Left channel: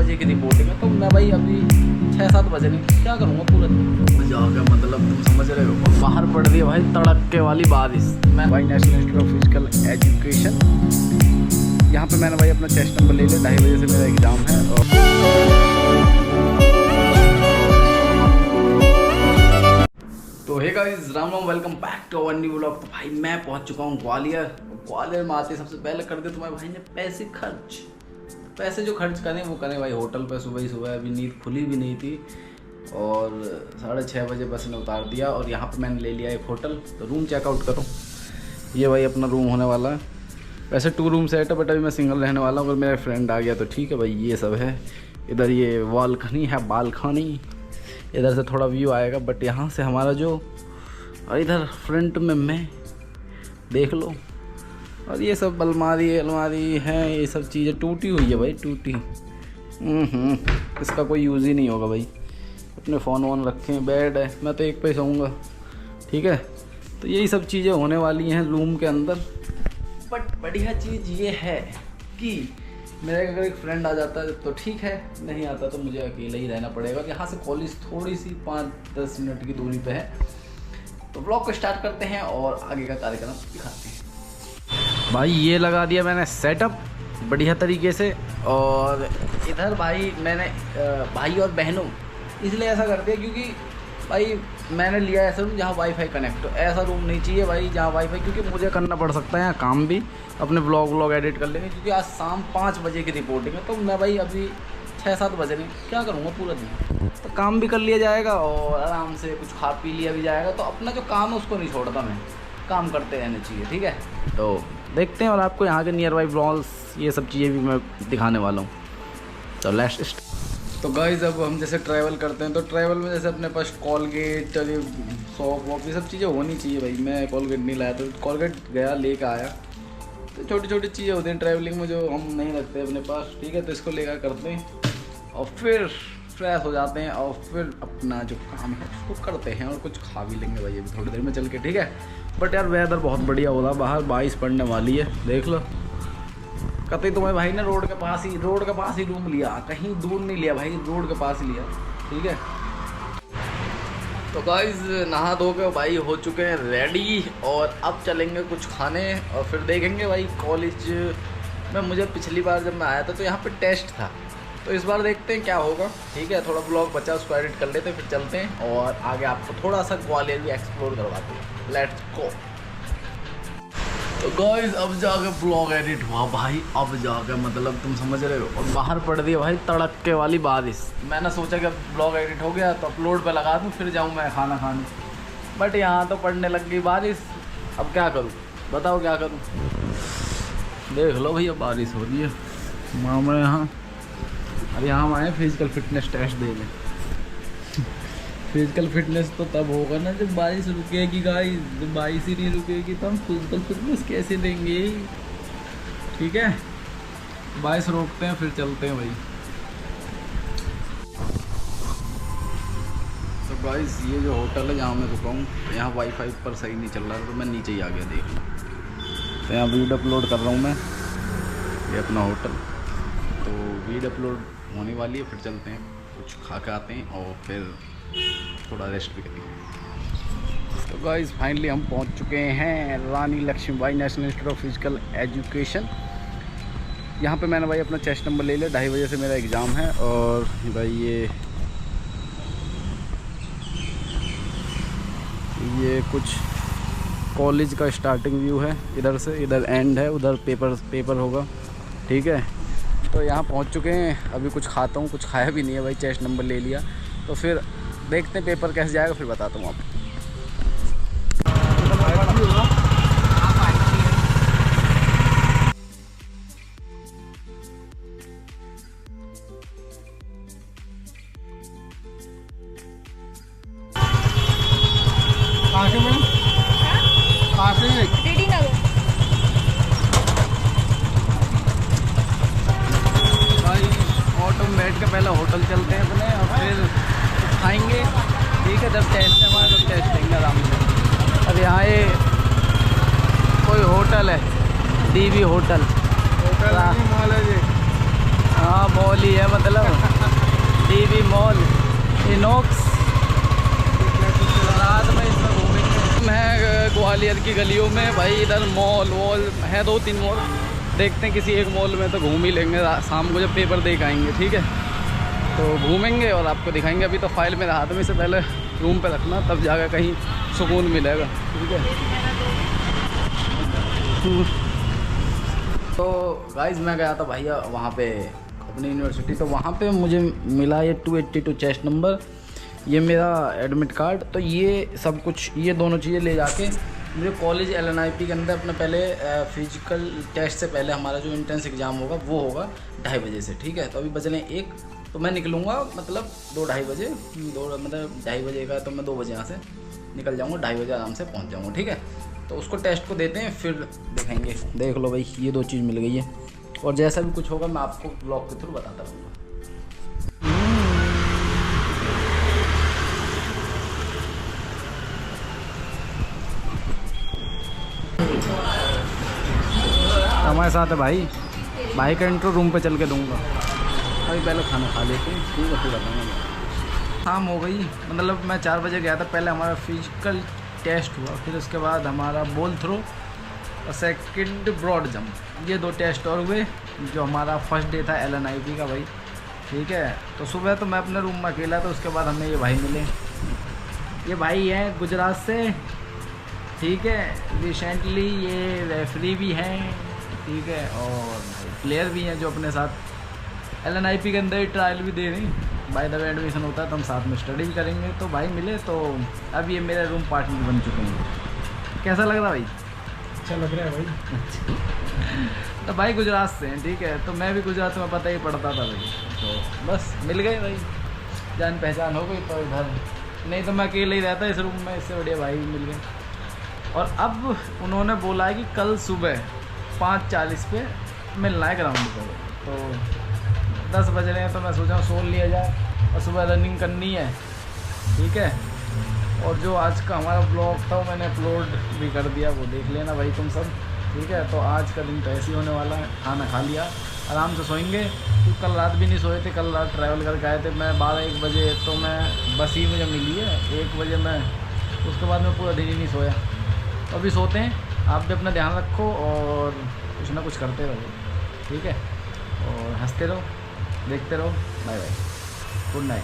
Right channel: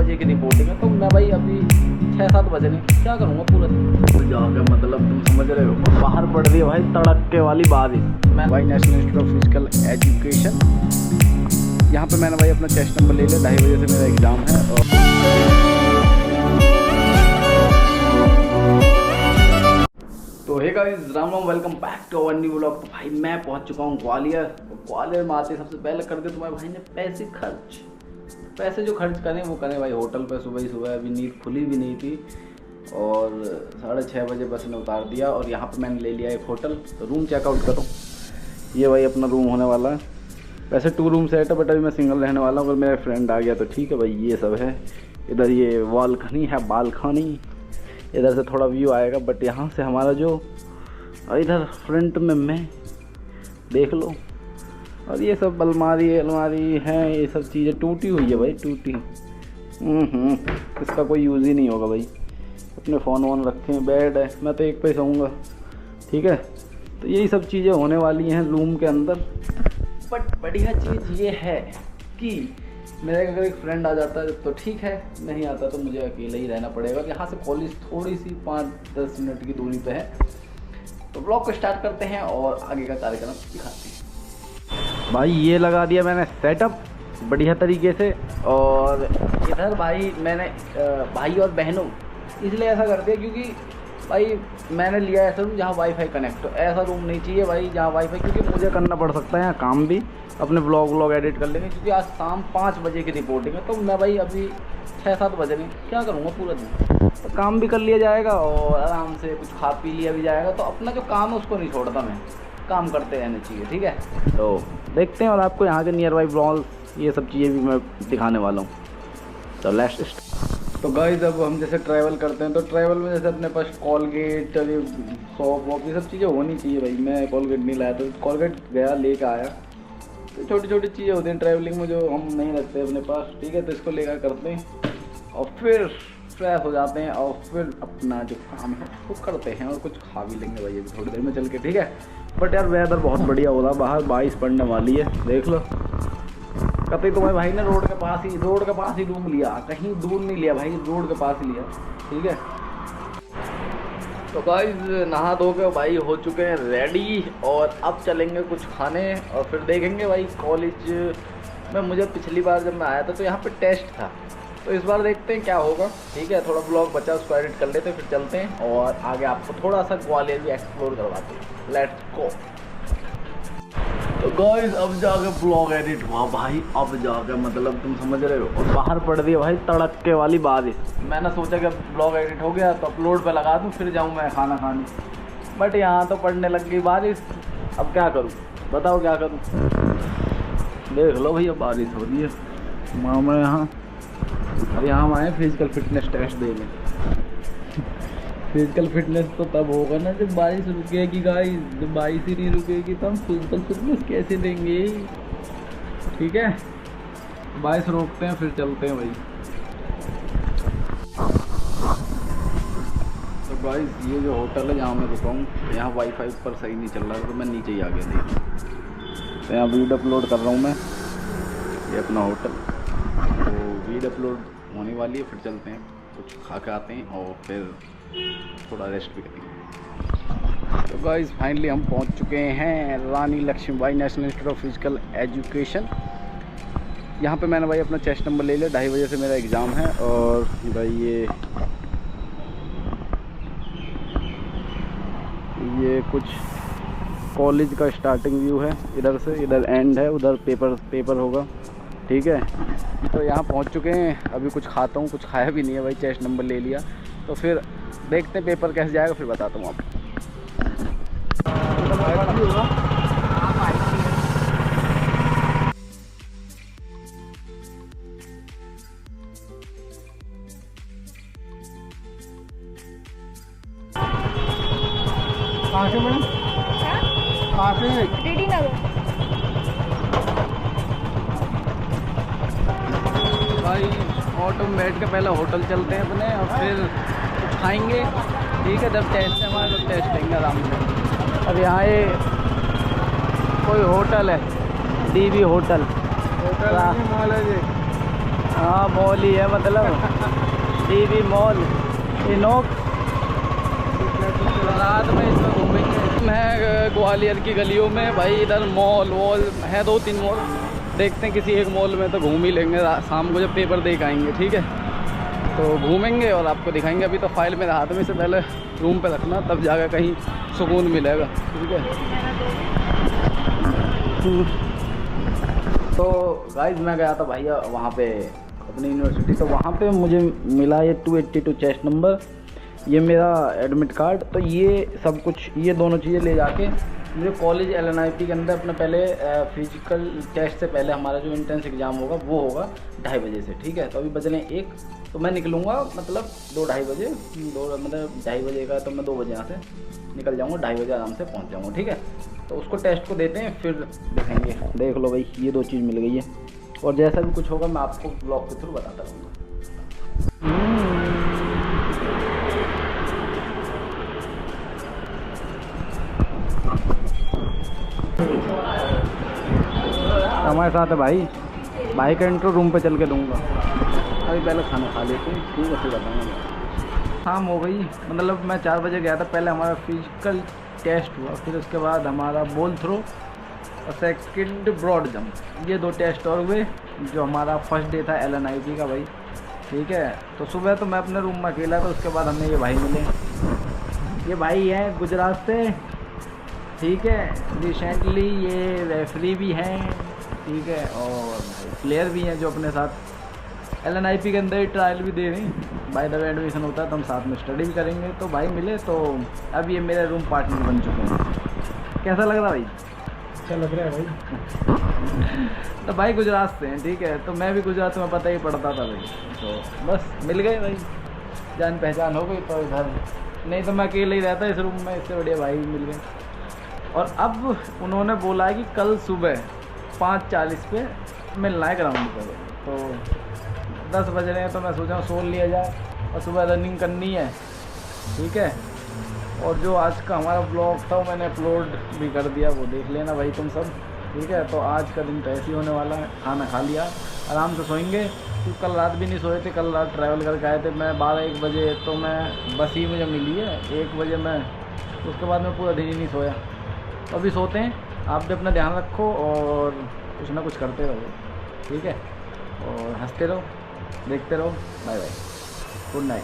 बजे की रिपोर्टिंग है, तो मैं भाई अभी 6-7 बजे नहीं क्या करूँगा पूरा दिन जाकर, मतलब तुम समझ रहे हो। बाहर पड़ रही है भाई तड़के वाली बारिश। मैं भाई national institute of physical education, यहाँ पे मैंने भाई अपना चेस्ट नंबर ले लिया। 2:30 बजे से मेरा एग्ज़ाम है। और तो hey guys, Ram Ram, welcome back to our new vlog. तो भाई मैं पहुंच चुका हूं ग्वालियर। ग्वालियर में आते सबसे पहले कर दे तुम्हारे भाई ने पैसे जो खर्च करें वो करें भाई होटल पे। सुबह ही सुबह, अभी नींद खुली भी नहीं थी और 6:30 बजे बस ने उतार दिया। और यहाँ पे मैंने ले लिया एक होटल। तो रूम चेकआउट करो, ये भाई अपना रूम होने वाला है। वैसे 2 रूम सेट है, बट अभी मैं सिंगल रहने वाला हूँ। अगर मेरा फ्रेंड आ गया तो ठीक है भाई। ये सब है, इधर ये बालकनी है, बालकनी इधर से थोड़ा व्यू आएगा, बट यहाँ से हमारा जो इधर फ्रंट में मैं देख लो। और ये सब अलमारी है, ये सब चीज़ें टूटी हुई है भाई, टूटी। इसका कोई यूज़ ही नहीं होगा भाई। अपने फ़ोन वोन रखे हैं, बेड है, मैं तो एक पे सोऊंगा, ठीक है। तो यही सब चीज़ें होने वाली हैं रूम के अंदर। बट बढ़िया चीज़ ये है कि मेरे अगर एक फ्रेंड आ जाता है तो ठीक है, नहीं आता तो मुझे अकेले ही रहना पड़ेगा। यहाँ से कॉलेज थोड़ी सी 5-10 मिनट की दूरी पे है। तो ब्लॉग को स्टार्ट करते हैं और आगे का कार्यक्रम दिखाते हैं। भाई ये लगा दिया मैंने सेटअप बढ़िया तरीके से। और इधर भाई मैंने भाई और बहनों इसलिए ऐसा कर दिया क्योंकि भाई मैंने लिया ऐसा रूम जहाँ वाईफाई कनेक्ट हो। ऐसा रूम नहीं चाहिए भाई जहाँ वाईफाई, क्योंकि मुझे करना पड़ सकता है यहाँ काम भी, अपने व्लॉग एडिट कर लेंगे। क्योंकि आज शाम 5 बजे की रिपोर्टिंग है, तो मैं भाई अभी 6-7 बजे नहीं क्या करूँगा पूरा दिन। तो काम भी कर लिया जाएगा और आराम से कुछ खा पी लिया भी जाएगा। तो अपना जो काम है उसको नहीं छोड़ता मैं, काम करते रहने चाहिए, ठीक है। तो देखते हैं और आपको यहाँ के नियर बाई ब्लॉग्स ये सब चीज़ें भी मैं दिखाने वाला हूँ। तो लेट्स। तो गाइस अब हम जैसे ट्रैवल करते हैं, तो ट्रैवल में जैसे अपने पास कॉलगेट, चलिए सॉप वॉप ये सब चीज़ें होनी चाहिए भाई। मैं कॉलगेट नहीं लाया, तो कॉलगेट गया लेकर आया। तो छोटी छोटी चीज़ें होती हैं ट्रैवलिंग में जो हम नहीं रखते अपने पास, ठीक है। तो इसको लेकर करते हैं और फिर फ्रेश हो जाते हैं और फिर अपना जो काम है उसको करते हैं और कुछ खा भी लेंगे भाई अभी थोड़ी देर में चल के, ठीक है। बट यार वेदर बहुत बढ़िया हो रहा, बाहर 22 पड़ने वाली है, देख लो। कतई तुम्हारे भाई ने रोड के पास ही रूम लिया, कहीं दूर नहीं लिया भाई, रोड के पास ही लिया, ठीक है। तो गाइस नहा धो के भाई हो चुके हैं रेडी और अब चलेंगे कुछ खाने और फिर देखेंगे भाई। कॉलेज में मुझे पिछली बार जब मैं आया था तो यहाँ पे टेस्ट था, तो इस बार देखते हैं क्या होगा, ठीक है। थोड़ा ब्लॉग बचा उसको एडिट कर लेते हैं, फिर चलते हैं और आगे आपको थोड़ा सा ग्वालियर भी एक्सप्लोर करवाते हैं। Let's go. तो गाइस अब जाके ब्लॉग एडिट हुआ भाई, अब जाके मतलब तुम समझ रहे हो। और बाहर पड़ रही है भाई तड़के वाली बारिश। मैंने सोचा कि अब ब्लॉग एडिट हो गया तो अपलोड पे लगा दूँ, फिर जाऊँ मैं खाना खाने। बट यहाँ तो पड़ने लग गई बारिश, अब क्या करूँ बताओ, क्या करूँ। देख लो भैया बारिश हो रही है मामा यहाँ। अब यहाँ हम आए फिजिकल फिटनेस टेस्ट देने। फिजिकल फिटनेस तो तब होगा ना जब बारिश रुकेगी गाइस। जब बारिश ही नहीं रुकेगी तो हम फिजिकल फिटनेस कैसे देंगे, ठीक है। बारिश रोकते हैं फिर चलते हैं भाई। तो गाइस ये जो होटल है जहाँ मैं रुका हूँ, यहाँ वाईफाई ऊपर सही नहीं चल रहा है, तो मैं नीचे ही आ गया देख। तो यहाँ वीडियो अपलोड कर रहा हूँ मैं, ये अपना होटल। तो वीडियो अपलोड होने वाली है, फिर चलते हैं कुछ खा के आते हैं और फिर थोड़ा रेस्ट भी करेंगे। तो गाइस फाइनली हम पहुंच चुके हैं Rani Lakshmibai national institute of physical education. यहाँ पे मैंने भाई अपना चेस्ट नंबर ले लिया। 2:30 बजे से मेरा एग्ज़ाम है। और भाई ये कुछ कॉलेज का स्टार्टिंग व्यू है, इधर से इधर एंड है, उधर पेपर होगा, ठीक है। तो यहाँ पहुँच चुके हैं, अभी कुछ खाता हूँ, कुछ खाया भी नहीं है भाई, चेस्ट नंबर ले लिया। तो फिर देखते हैं पेपर कैसे जाएगा, फिर बताता हूँ आपको। भाई ऑटो में बैठ के पहले होटल चलते हैं अपने और फिर खाएंगे, ठीक है। जब टेस्ट है हमारा तब टेस्ट लेंगे आराम से। अब यहाँ ये कोई होटल है, डीवी होटल। हाँ मॉल ही है, मतलब टीवी मॉल इनॉक्स। रात में इसमें घूमेंगे। मैं ग्वालियर की गलियों में भाई, इधर मॉल वॉल है 2-3 मॉल, देखते हैं किसी एक मॉल में तो घूम ही लेंगे। शाम को जब पेपर देख आएंगे, ठीक है, तो घूमेंगे और आपको दिखाएंगे। अभी तो फाइल मेरे हाथ में, से पहले रूम पे रखना, तब जाकर कहीं सुकून मिलेगा, ठीक है। तो गाइस मैं गया था भैया वहाँ पे अपनी यूनिवर्सिटी, तो वहाँ पे मुझे मिला ये 282 चेस्ट नंबर, ये मेरा एडमिट कार्ड। तो ये सब कुछ, ये दोनों चीज़ें ले जाके मुझे कॉलेज LNIP के अंदर अपना पहले फिजिकल टेस्ट से पहले हमारा जो एंट्रेंस एग्ज़ाम होगा वो होगा 2:30 बजे से, ठीक है। तो अभी बजने 1, तो मैं निकलूँगा मतलब 2-2:30 बजे, मतलब 2:30 बजे का, तो मैं 2 बजे यहाँ से निकल जाऊँगा, 2:30 बजे आराम से पहुँच जाऊँगा, ठीक है। तो उसको टेस्ट को देते हैं, फिर देखेंगे। देख लो भाई, ये 2 चीज़ मिल गई है, और जैसा भी कुछ होगा मैं आपको ब्लॉग के थ्रू बताता रहूँगा। हमारे साथ है भाई, भाई का इंट्रो रूम पे चल के दूंगा। अभी पहले खाना खा लेते हैं, ठीक है, फिर बताऊँगा। शाम हो गई, मतलब मैं 4 बजे गया था। पहले हमारा फिजिकल टेस्ट हुआ, फिर उसके बाद हमारा बॉल थ्रो और सेकंड ब्रॉड जंप, ये 2 टेस्ट और हुए। जो हमारा फर्स्ट डे था LNIP का भाई, ठीक है। तो सुबह तो मैं अपने रूम में अकेला था, उसके बाद हमें ये भाई मिले। ये भाई हैं गुजरात से, ठीक है। रिसेंटली ये रेफरी भी हैं, ठीक है, और प्लेयर भी हैं जो अपने साथ LNIP के अंदर ही ट्रायल भी दे रहे हैं। बाय द वे एडमिशन होता है तो हम साथ में स्टडी भी करेंगे। तो भाई मिले, तो अब ये मेरे रूम पार्टनर बन चुके हैं। कैसा लग रहा भाई? अच्छा लग रहा है भाई। तो भाई गुजरात से हैं, ठीक है। तो मैं भी गुजरात में पता ही पड़ता था भाई, तो बस मिल गए भाई, जान पहचान हो गई। तो इधर नहीं तो मैं अकेले ही रहता इस रूम में, इससे बढ़िया भाई मिल गए। और अब उन्होंने बोला है कि कल सुबह 5:40 पे मिलना है ग्राउंड पर। तो 10 बज रहे हैं, तो मैं सोचा सो लिया जाए, और सुबह रनिंग करनी है, ठीक है। और जो आज का हमारा ब्लॉग था वो मैंने अपलोड भी कर दिया, वो देख लेना भाई तुम सब, ठीक है। तो आज का दिन तो ऐसे ही होने वाला है। खाना खा लिया, आराम से सोएंगे, क्योंकि कल रात भी नहीं सोए थे। कल रात ट्रैवल करके आए थे, मैं 12-1 बजे, तो मैं बस ही मुझे मिली है 1 बजे मैं, उसके बाद मैं पूरा दिन ही नहीं सोया। तो अभी सोते हैं, आप भी अपना ध्यान रखो और कुछ ना कुछ करते रहो, ठीक है, और हंसते रहो, देखते रहो। Bye bye, good night.